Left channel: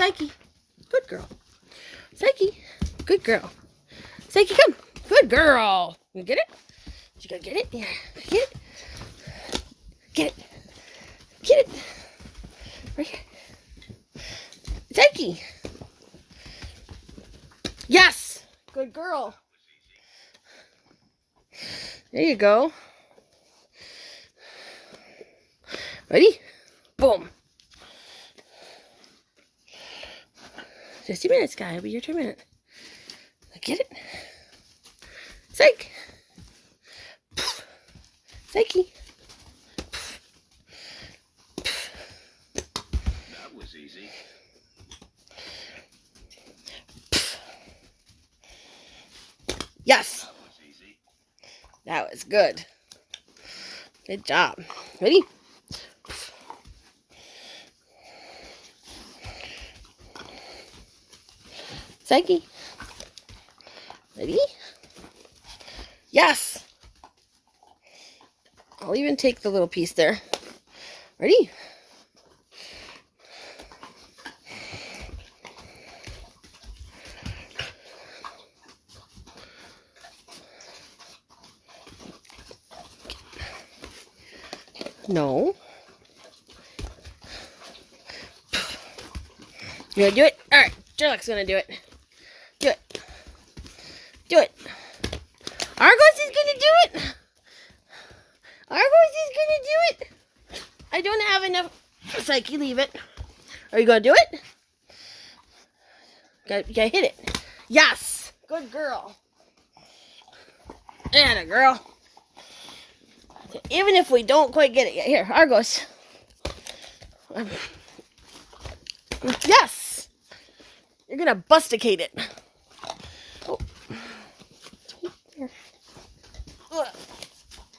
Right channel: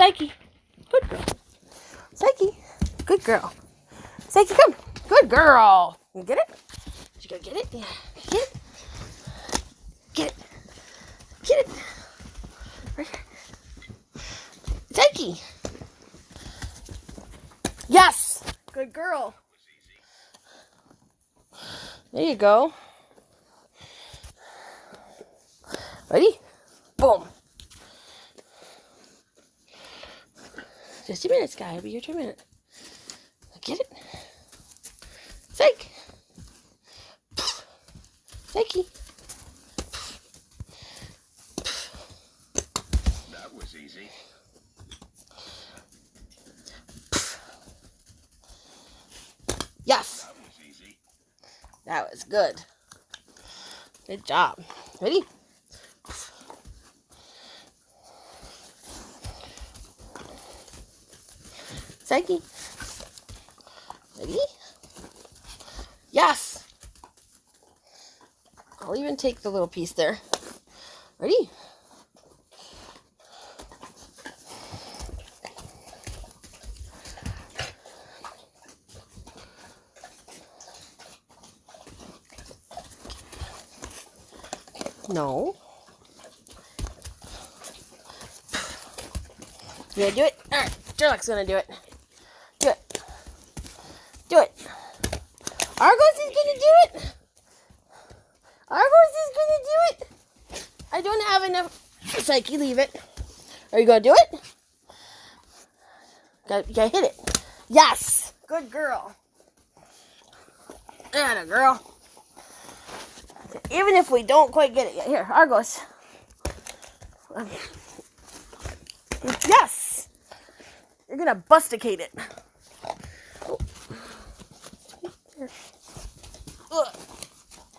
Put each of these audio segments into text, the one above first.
Psyche. Good girl. Psyche. Good girl. Psyche, come. Good girl. You get it? You gonna get it? Yeah. Get it. Get it. Get it. Right here. Psyche. Yes. Good girl. There you go. Ready? Boom. Just a minute, Sky. It'll be your turn minute. Get it? Psych. Psyche. That was easy. Yes. That was easy. That was good. Good job. Ready? Psyche. Ready? Yes. I'll even take the little piece there. Ready? No. You gonna do it? Alright, Sherlock's gonna do it. Do it. Do it. Argos is gonna do it. Argos is gonna do it. I don't have enough. Psyche, leave it. Are you gonna do it? You gotta hit it. Yes. Good girl. And a girl. So even if we don't quite get it yet, here, Argos. Yes. You're gonna busticate it. Oh. Ugh.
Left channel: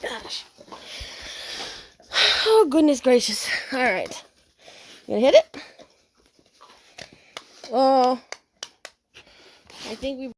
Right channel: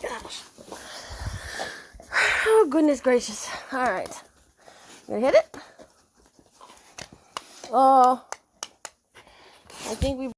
Gosh. Oh, goodness gracious. All right. You gonna hit it? Oh. I think we